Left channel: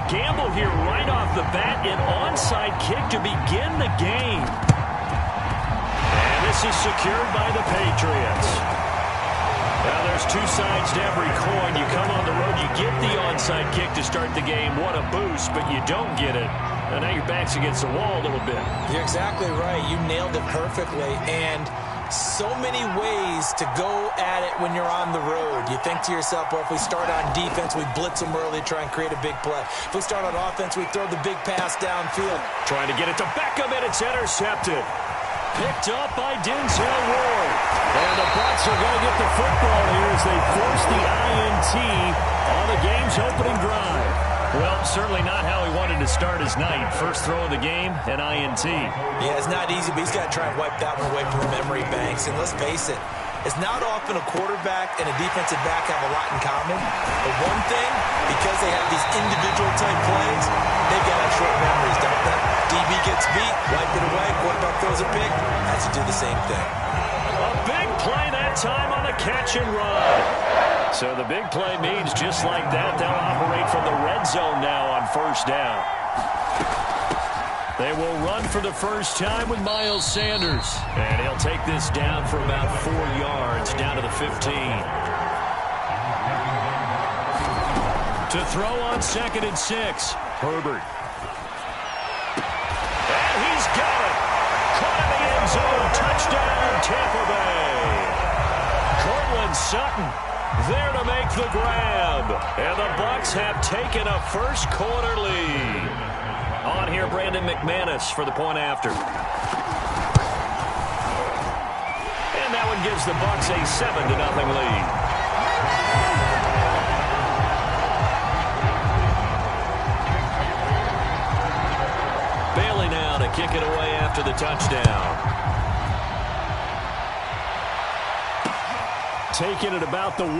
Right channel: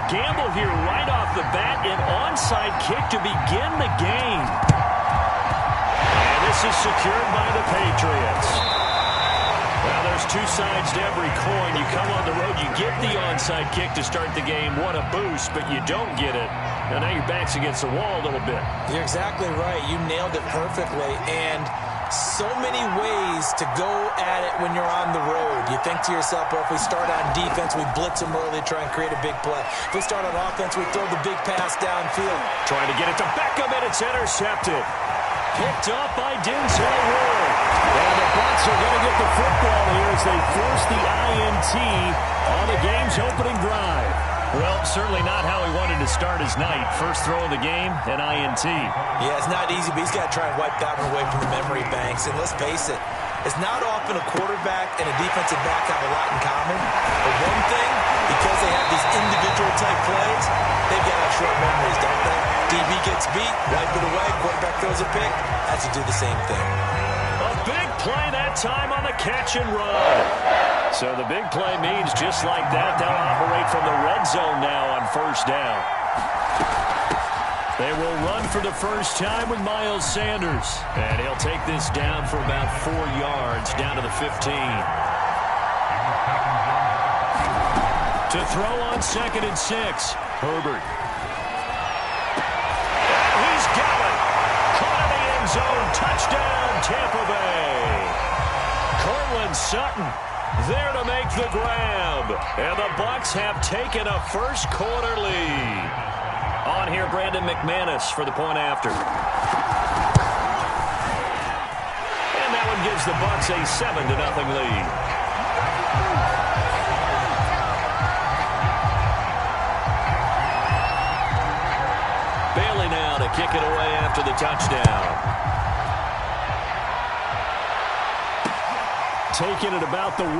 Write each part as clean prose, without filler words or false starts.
A gamble here right off the bat, an onside kick to begin the game. And this is secured by the Patriots. Now there's two sides to every coin. You come on the road, you get the onside kick to start the game. What a boost, but you don't get it. And now your back's against the wall a little bit. You're exactly right. You nailed it perfectly. And so many ways to go at it when you're on the road. You think to yourself, well, if we start on defense, we blitz them early, try and create a big play. If we start on offense, we throw the big pass downfield. Trying to get it to Beckham, and it's intercepted. Picked up by Denzel Ward. And the Bucs are going to get the football here as they force the INT on the game's opening drive. Well, certainly not how he wanted to start his night. First throw of the game, an INT. Yeah, it's not easy, but he's got to try and wipe that one away from the memory banks. And let's face it, it's not often a quarterback and a defensive back have a lot in common. But one thing, because they have these individual type plays, they've got to have short memories, don't they? DB gets beat, wipe it away, quarterback throws a pick, has to do the same thing. A big play that time on the catch and run. So the big play means just like that, they'll operate from the red zone now on first down. They will run for the first time with Miles Sanders. And he'll take this down for about 4 yards, down to the 15. To throw on 2nd and 6, Herbert. And he's got it. Caught in the end zone. Touchdown, Tampa Bay. Cortland Sutton there to make the grab. And the Bucs have taken a first quarter lead. On here, Brandon McManus for the point after. And that one gives the Bucs a 7-0 lead. Bailey now to kick it away after the touchdown. Taking it about the 1.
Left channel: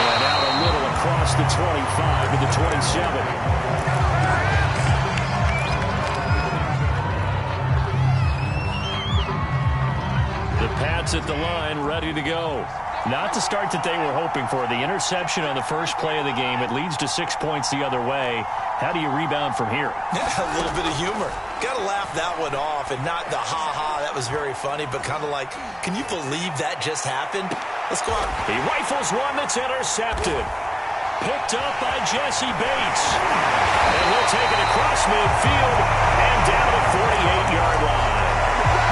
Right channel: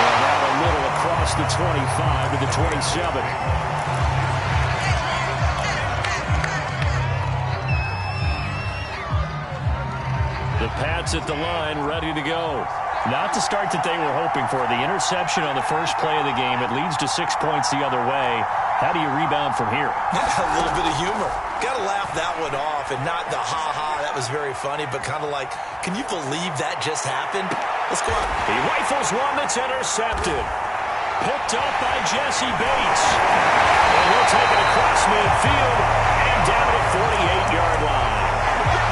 And out a little across the 25 to the 27. The Pats at the line, ready to go. Not the start that they were hoping for. The interception on the first play of the game. It leads to 6 points the other way. How do you rebound from here? A little bit of humor. Got to laugh that one off, and not the ha-ha, that was very funny, but kind of like, can you believe that just happened? Let's go out. He rifles one that's intercepted. Picked up by Jesse Bates. And he'll take it across midfield and down to the 48-yard line.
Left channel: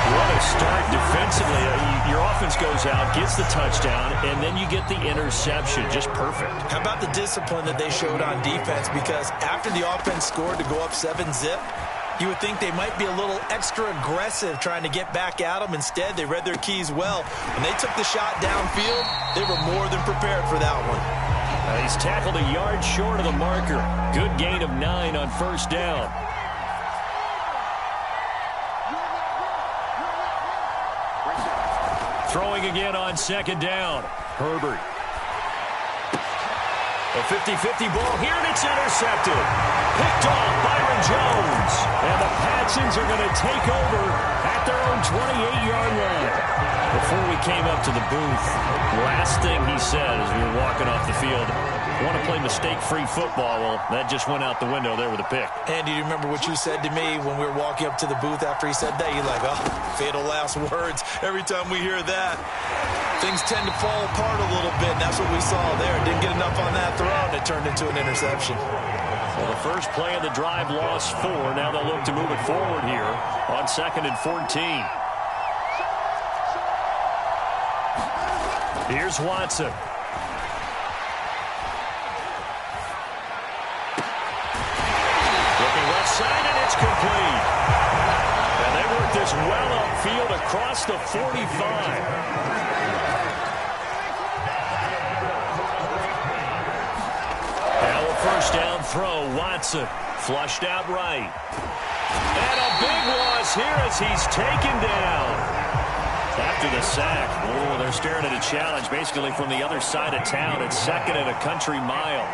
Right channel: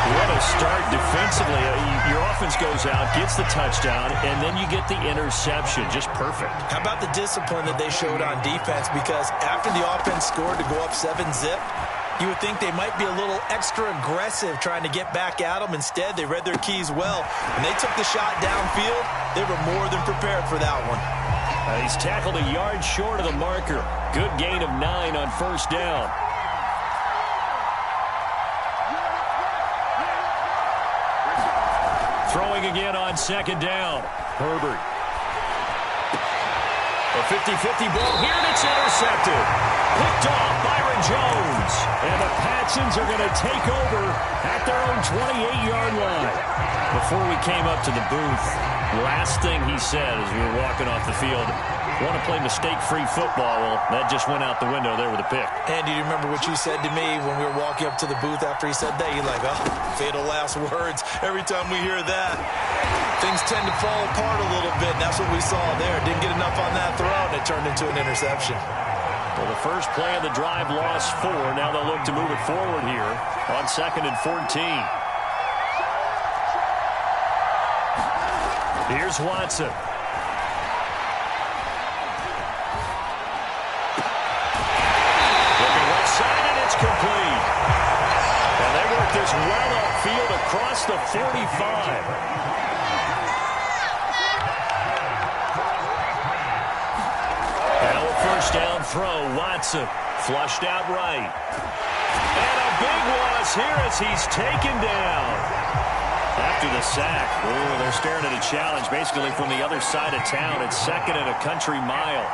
What a start defensively. Your offense goes out, gets the touchdown, and then you get the interception. Just perfect. How about the discipline that they showed on defense? Because after the offense scored to go up 7-zip, you would think they might be a little extra aggressive trying to get back at them. Instead, they read their keys well. When they took the shot downfield, they were more than prepared for that one. He's tackled a yard short of the marker. Good gain of 9 on first down. Throwing again on 2nd down. Herbert. A 50-50 ball here, and it's intercepted. Picked off Byron Jones. And the Patsons are going to take over at their own 28-yard line. Before we came up to the booth, last thing he said as we were walking off the field, want to play mistake-free football. Well, that just went out the window there with a pick. Andy, do you remember what you said to me when we were walking up to the booth after he said that? You're like, oh, fatal last words. Every time we hear that, things tend to fall apart a little bit, and that's what we saw there. Didn't get enough on that throw, and it turned into an interception. Well, the first play of the drive lost 4. Now they'll look to move it forward here on 2nd and 14. Here's Watson. Looking left side, and it's complete. And they work this well upfield across the 45. Now a first down throw. Watson flushed out right. And a big loss here as he's taken down. After the sack, oh, they're staring at a challenge basically from the other side of town. It's 2nd and a country mile.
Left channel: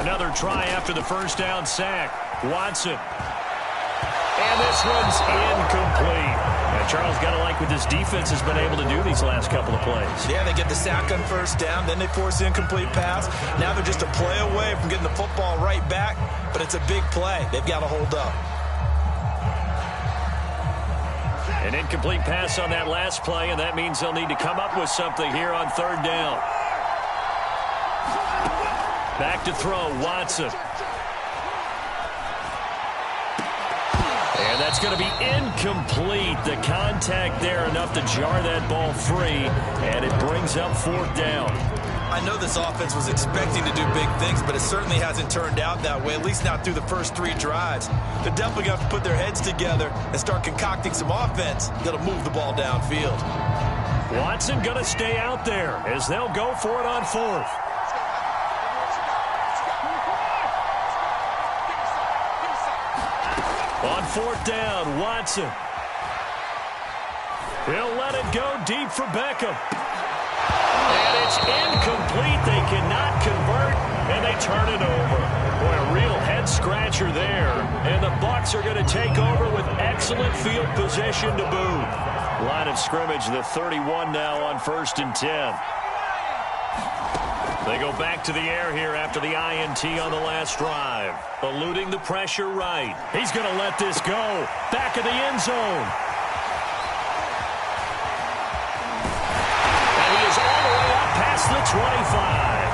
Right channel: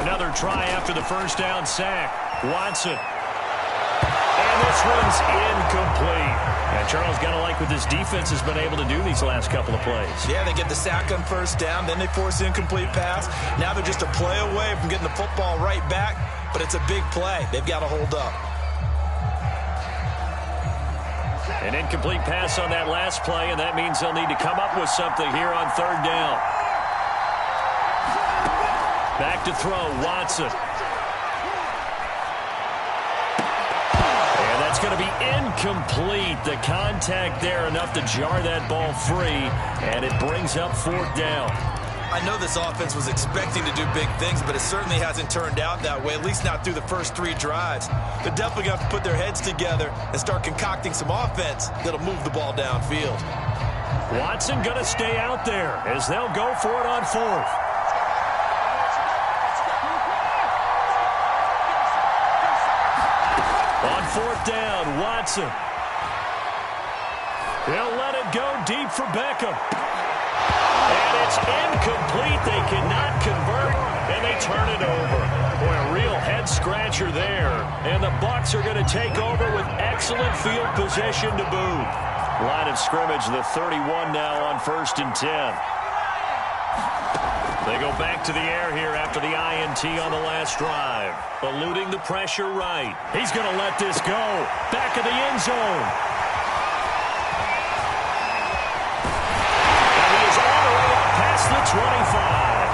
Another try after the first down sack. Watson. And And this one's incomplete. And Charles, got to like what this defense has been able to do these last couple of plays. Yeah, they get the sack on first down, then they force the incomplete pass. Now they're just a play away from getting the football right back, but it's a big play. They've got to hold up. An incomplete pass on that last play, and that means they'll need to come up with something here on third down. Back to throw, Watson. And that's going to be incomplete. The contact there enough to jar that ball free, and it brings up fourth down. I know this offense was expecting to do big things, but it certainly hasn't turned out that way, at least not through the first 3 drives. They're definitely going to have to put their heads together and start concocting some offense that'll move the ball downfield. Watson going to stay out there as they'll go for it on fourth. On fourth down, Watson. He'll let it go deep for Beckham. And it's incomplete. They cannot convert, and they turn it over. Boy, a real head-scratcher there. And the Bucs are going to take over with excellent field position to boot. Line of scrimmage, the 31 now on 1st and 10. They go back to the air here after the INT on the last drive. Eluding the pressure right. He's going to let this go. Back of the end zone. And he is all the way up past the 25.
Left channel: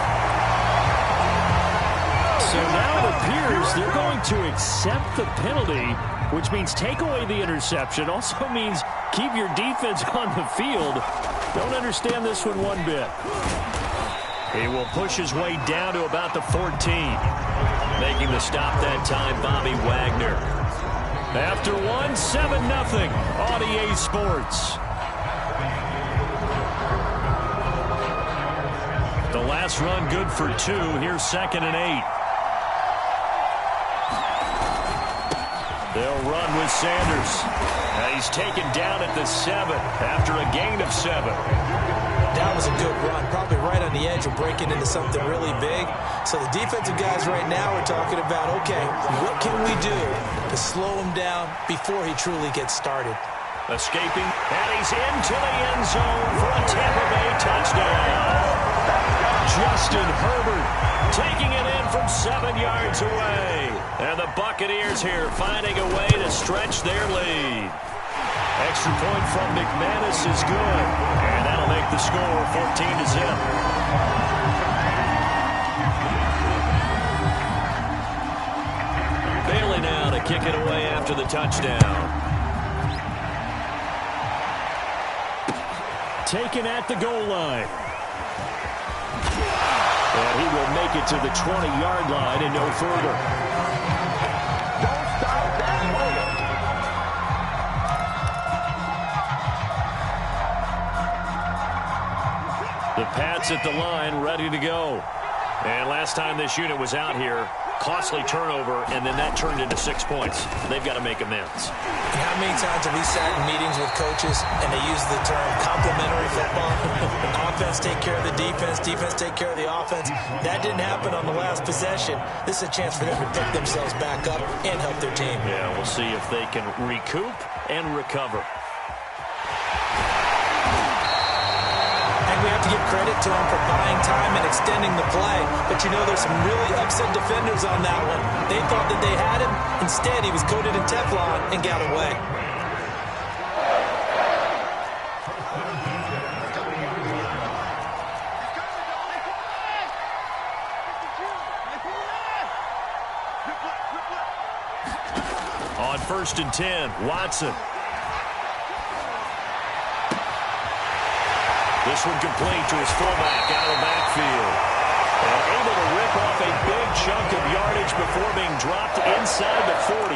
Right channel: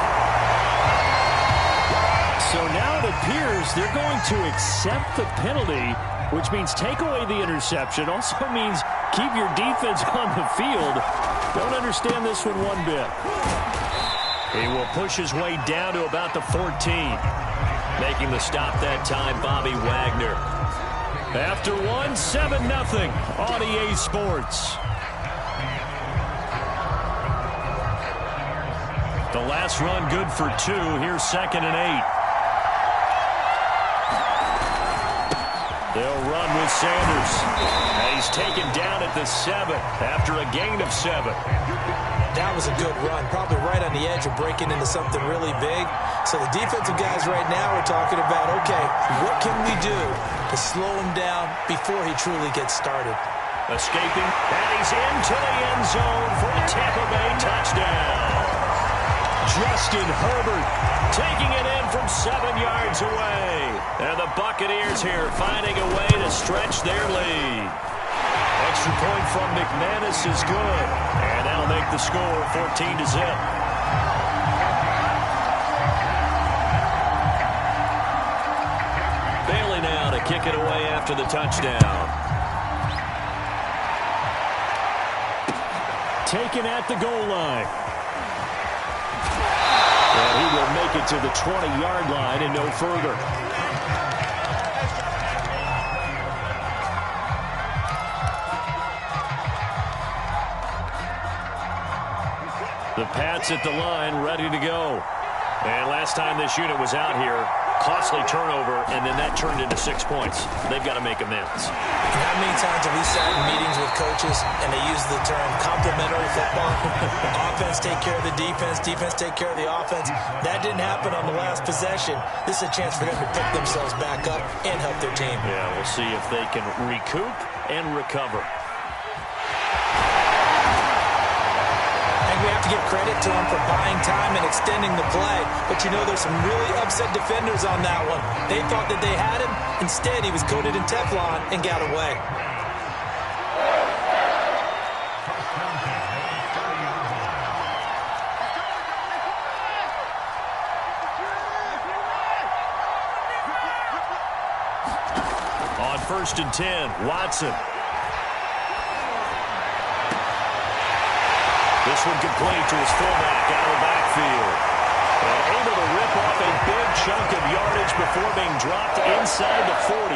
So now it appears they're going to accept the penalty, which means take away the interception. Also means keep your defense on the field. Don't understand this one bit. He will push his way down to about the 14. Making the stop that time, Bobby Wagner. After 7-0 on EA Sports. The last run good for 2. Here's 2nd and 8. They'll run with Sanders. And he's taken down at the 7 after a gain of 7. That was a good run, probably right on the edge of breaking into something really big. So the defensive guys right now are talking about, okay, what can we do to slow him down before he truly gets started? Escaping, and he's into the end zone for a Tampa Bay touchdown. Justin Herbert taking it in from 7 yards away. And the Buccaneers here finding a way to stretch their lead. Extra point from McManus is good. And that'll make the score 14-0. Bailey now to kick it away after the touchdown. Taken at the goal line. And he will make it to the 20-yard line and no further. The Pats at the line, ready to go. And last time this unit was out here, costly turnover, and then that turned into 6 points. They've got to make amends. And how many times have we sat in meetings with coaches and they use the term complementary football? Offense take care of the defense, defense take care of the offense. That didn't happen on the last possession. This is a chance for them to pick themselves back up and help their team. Yeah, we'll see if they can recoup and recover. And we have to give credit to them for buying time and extending the play. But you know, there's some really upset defenders on that one. They thought that they had him. Instead, he was coated in Teflon and got away. On 1st and 10, Watson. This one complete to his fullback out of the backfield. And able to rip off a big chunk of yardage before being dropped inside the 40.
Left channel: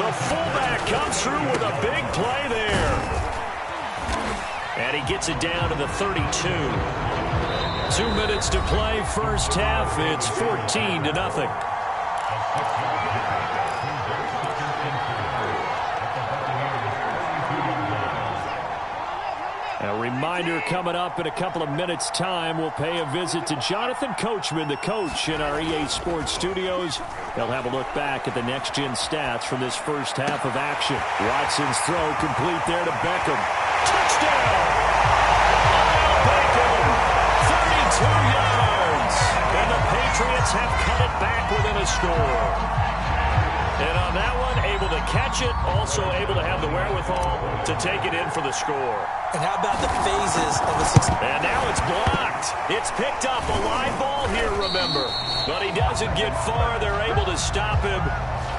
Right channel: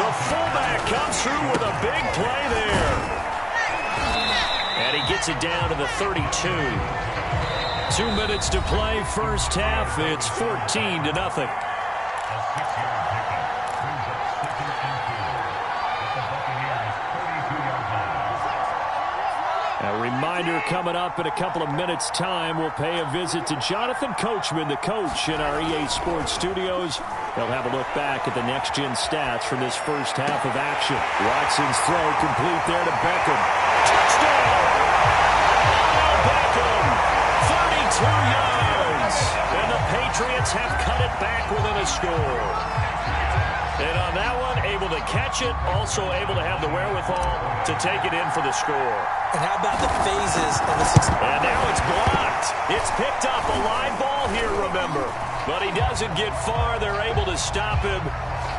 The fullback comes through with a big play there. And he gets it down to the 32. 2 minutes to play, first half. It's 14-0. A reminder coming up in a couple of minutes' time. We'll pay a visit to Jonathan Coachman, the coach in our EA Sports studios. They'll have a look back at the next-gen stats from this first half of action. Watson's throw complete there to Beckham. Touchdown! Odell Beckham, 32 yards. And the Patriots have cut it back within a score. And on that one, able to catch it, also able to have the wherewithal to take it in for the score. And how about the phases of a success? And now it's blocked. It's picked up, a live ball here, remember. But he doesn't get far. They're able to stop him.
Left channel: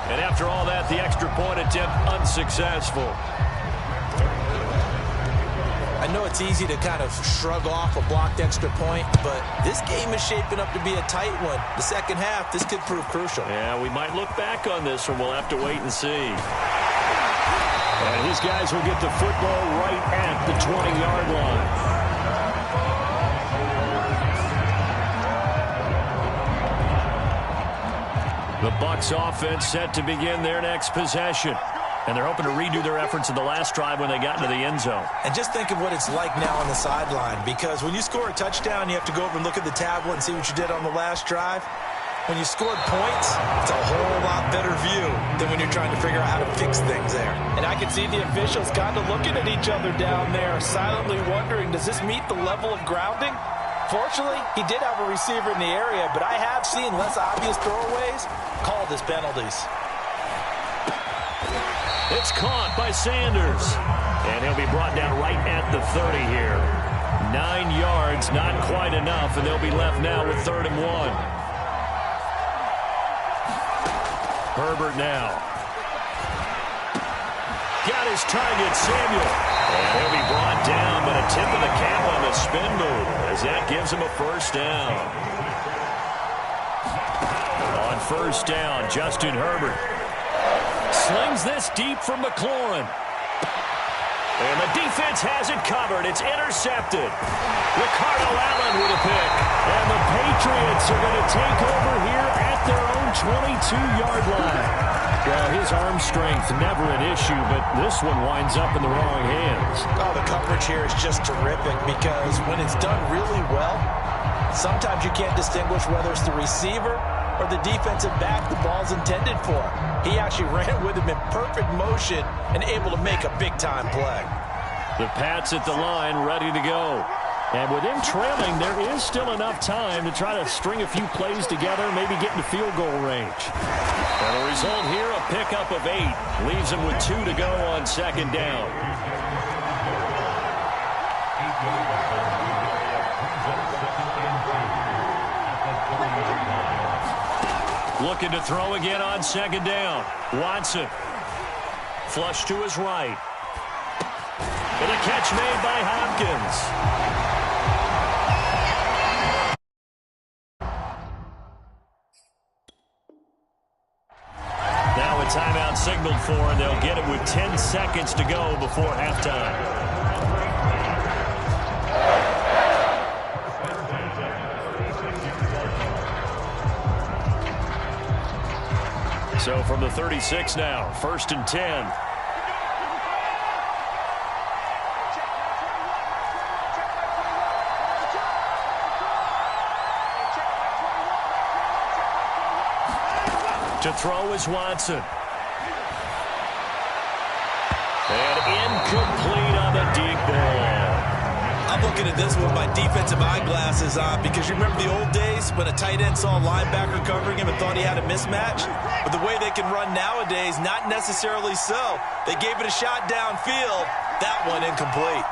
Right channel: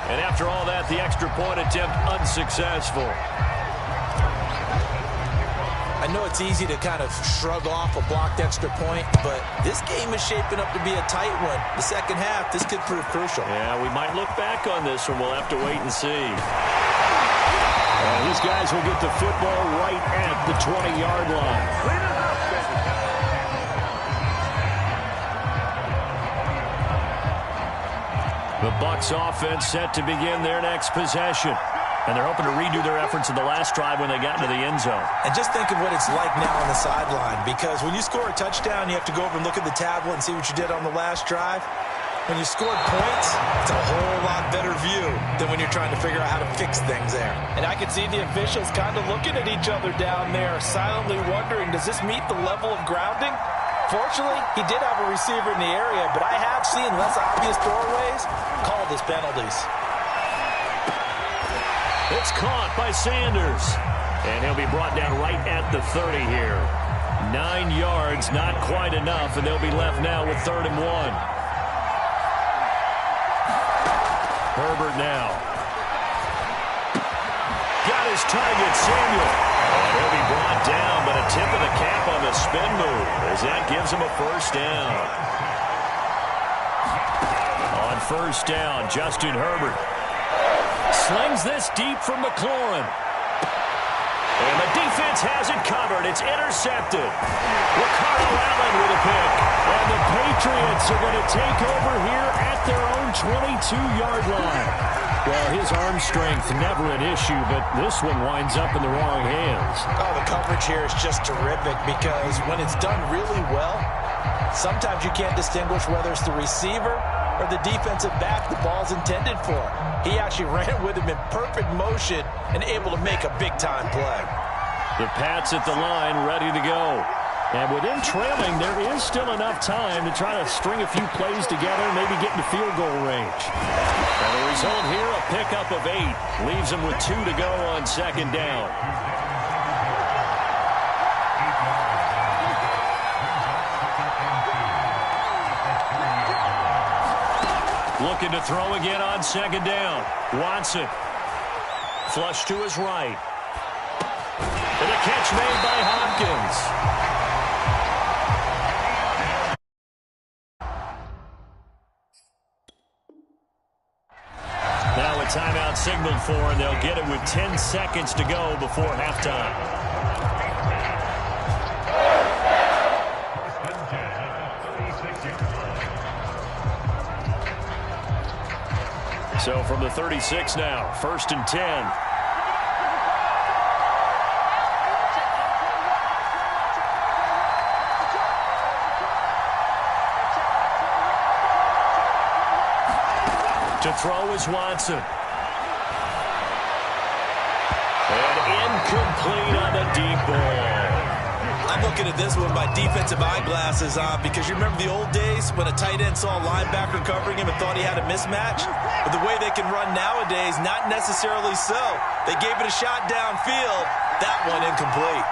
And after all that, the extra point attempt unsuccessful. I know it's easy to kind of shrug off a blocked extra point, but this game is shaping up to be a tight one. The second half, this could prove crucial. Yeah, we might look back on this one. We'll have to wait and see. And these guys will get the football right at the 20-yard line. The Bucs offense set to begin their next possession. And they're hoping to redo their efforts in the last drive when they got into the end zone. And just think of what it's like now on the sideline, because when you score a touchdown, you have to go over and look at the tablet and see what you did on the last drive. When you scored points, it's a whole lot better view than when you're trying to figure out how to fix things there. And I can see the officials kind of looking at each other down there, silently wondering, does this meet the level of grounding? Fortunately, he did have a receiver in the area, but I have seen less obvious throwaways called as penalties. It's caught by Sanders. And he'll be brought down right at the 30 here. 9 yards, not quite enough, and they'll be left now with 3rd and 1. Herbert now. Got his target, Samuel. And he'll be brought down, but a tip of the cap on the spin move as that gives him a first down. On first down, Justin Herbert slings this deep from McLaurin. And the defense has it covered. It's intercepted. Ricardo Allen with a pick. And the Patriots are going to take over here at their own 22-yard line. Well, his arm strength never an issue, but this one winds up in the wrong hands. Oh, the coverage here is just terrific because when it's done really well, sometimes you can't distinguish whether it's the receiver or the defensive back the ball's intended for. He actually ran with him in perfect motion and able to make a big-time play. The Pats at the line, ready to go. And with him trailing, there is still enough time to try to string a few plays together, maybe get into field goal range. And the result here, a pickup of 8. Leaves him with 2 to go on 2nd down. Looking to throw again on 2nd down. Watson. Flush to his right. And a catch made by Hopkins. Now a timeout signaled for, and they'll get it with 10 seconds to go before halftime. So from the 36 now, 1st and 10. To throw is Watson. And incomplete on the deep ball. I'm looking at this with my defensive eyeglasses on because you remember the old days when a tight end saw a linebacker covering him and thought he had a mismatch? But the way they can run nowadays, not necessarily so. They gave it a shot downfield. That one incomplete.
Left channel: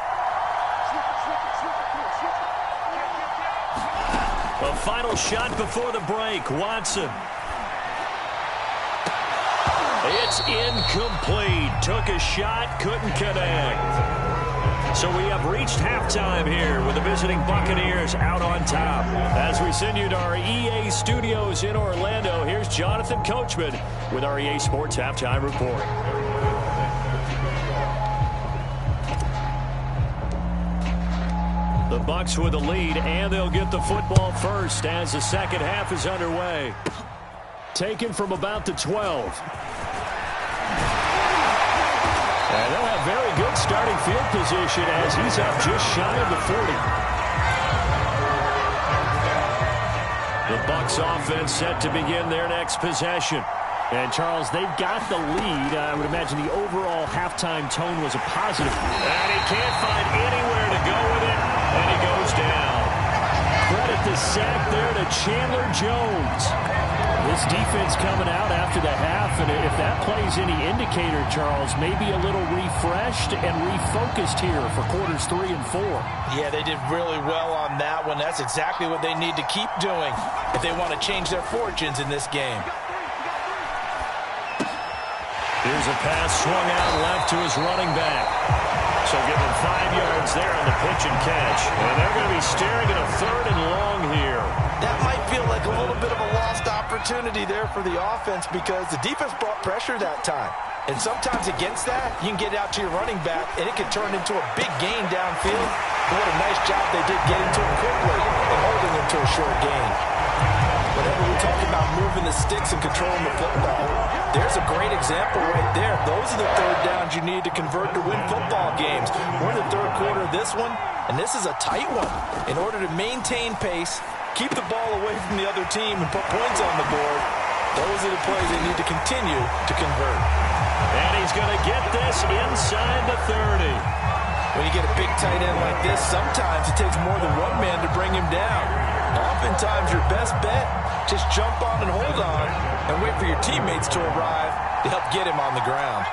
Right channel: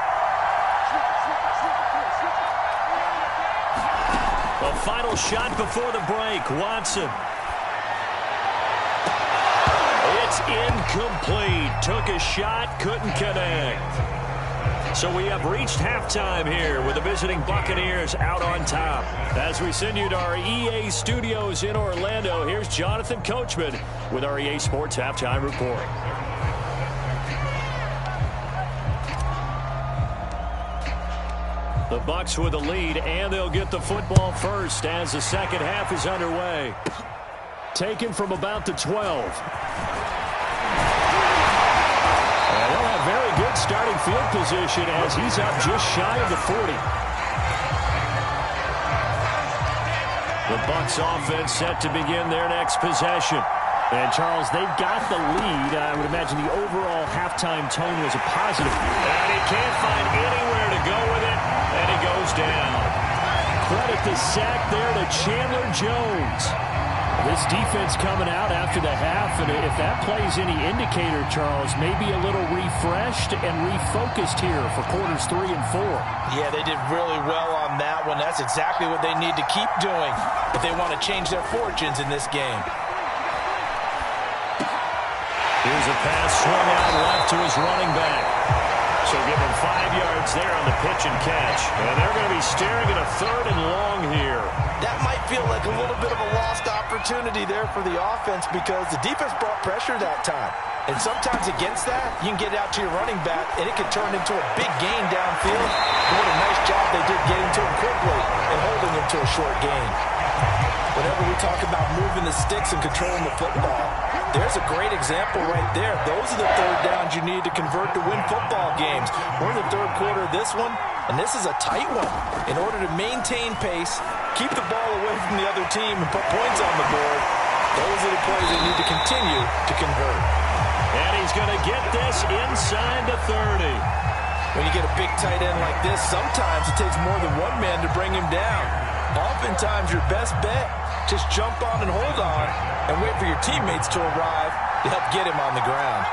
A final shot before the break. Watson. It's incomplete. Took a shot, couldn't connect. So we have reached halftime here with the visiting Buccaneers out on top. As we send you to our EA studios in Orlando, here's Jonathan Coachman with our EA Sports Halftime Report. The Bucs with the lead, and they'll get the football first as the second half is underway. Taken from about the 12. And they'll have very good starting field position as he's up just shy of the 40. The Bucs offense set to begin their next possession. And, Charles, they've got the lead. I would imagine the overall halftime tone was a positive. And he can't find anywhere to go with it, and he goes down. Credit the sack there to Chandler Jones. This defense coming out after the half, and if that plays any indicator, Charles, maybe a little refreshed and refocused here for quarters 3 and 4. Yeah, they did really well on that one. That's exactly what they need to keep doing if they want to change their fortunes in this game. Here's a pass swung out left to his running back. So give him 5 yards there on the pitch and catch. And they're going to be staring at a 3rd and long here. That might feel like a little bit of a lost opportunity there for the offense because the defense brought pressure that time. And sometimes against that, you can get out to your running back, and it can turn into a big gain downfield. But what a nice job they did getting to him quickly and holding him to a short gain. Whenever we talk about moving the sticks and controlling the football, there's a great example right there. Those are the 3rd downs you need to convert to win football games. We're in the 3rd quarter of this one, and this is a tight one. In order to maintain pace, keep the ball away from the other team, and put points on the board, those are the plays they need to continue to convert. And he's going to get this inside the 30. When you get a big tight end like this, sometimes it takes more than one man to bring him down. Oftentimes, your best bet, just jump on and hold on and wait for your teammates to arrive to help get him on the ground.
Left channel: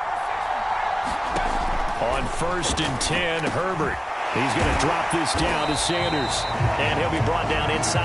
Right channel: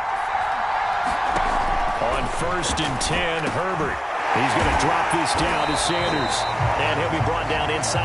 On 1st and 10, Herbert. He's going to drop this down to Sanders. And he'll be brought down inside.